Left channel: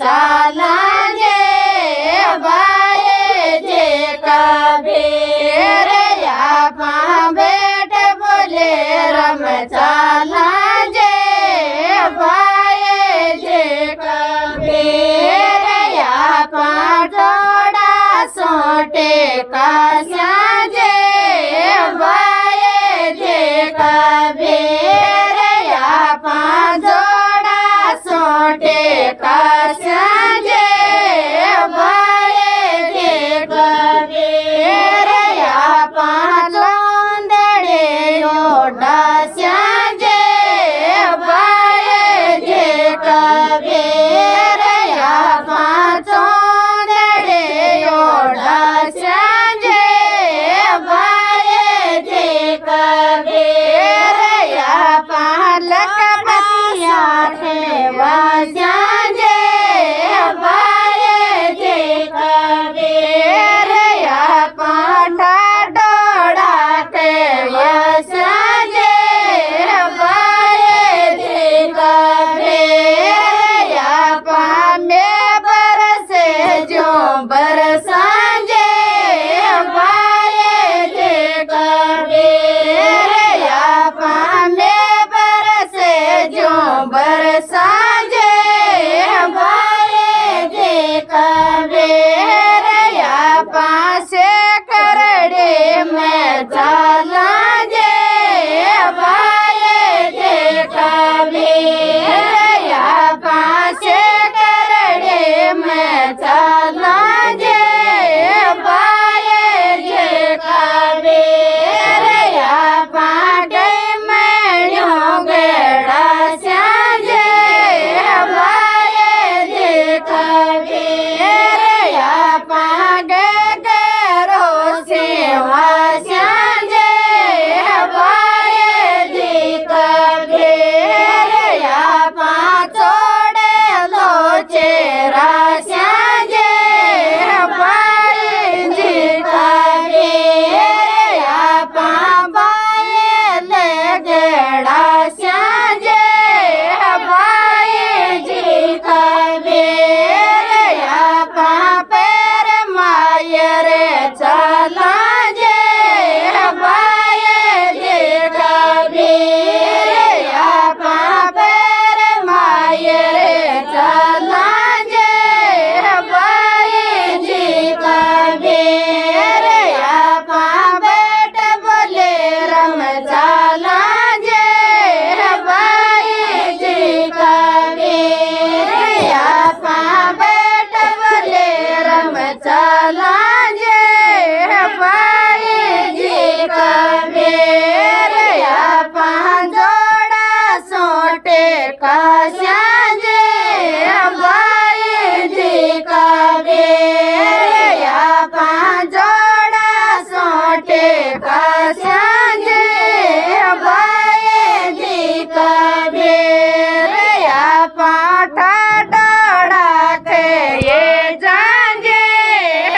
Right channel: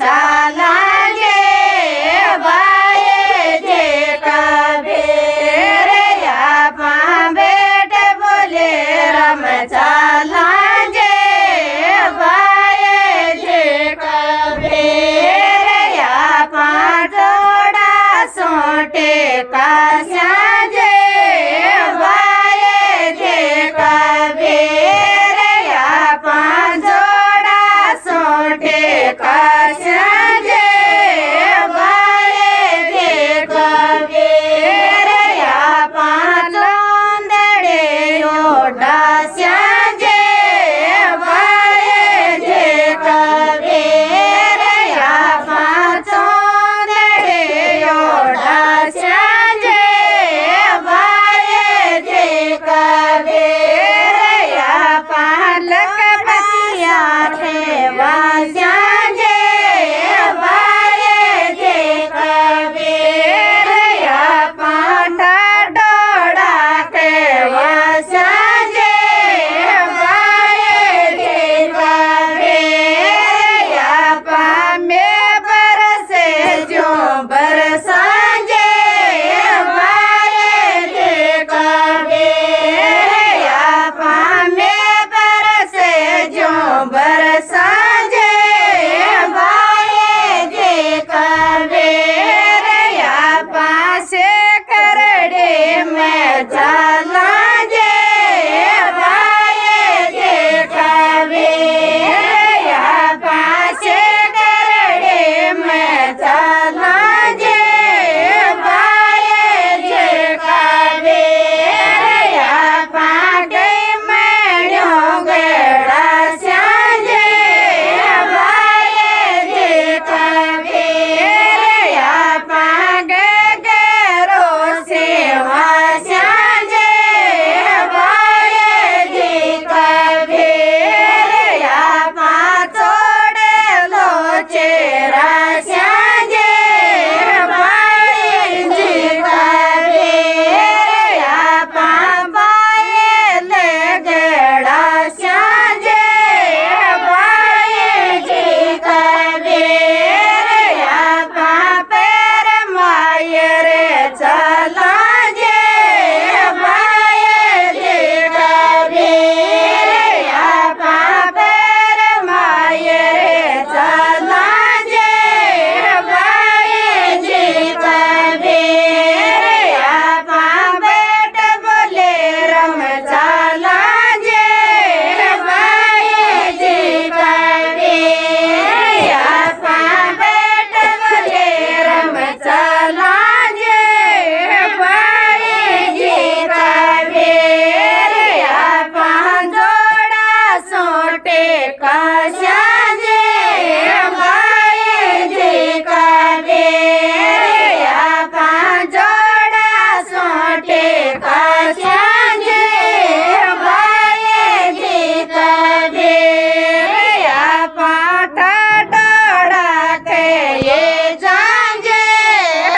चालांगे बाए जे कबीर यहाँ बेट बोले रम चालांगे बाए जे कबीर यहाँ जोड़ा सोटे कास्या जे बाए जे कबीर यहाँ जोड़ा सोटे कास्या जे बाए जे कबीर यहाँ चोंदड़े ओडास्या जे बाए जे कबीर यहाँ चोंदड़े ओडास्या जे बाए जे कबीर यहाँ लखपतिया थे वास्या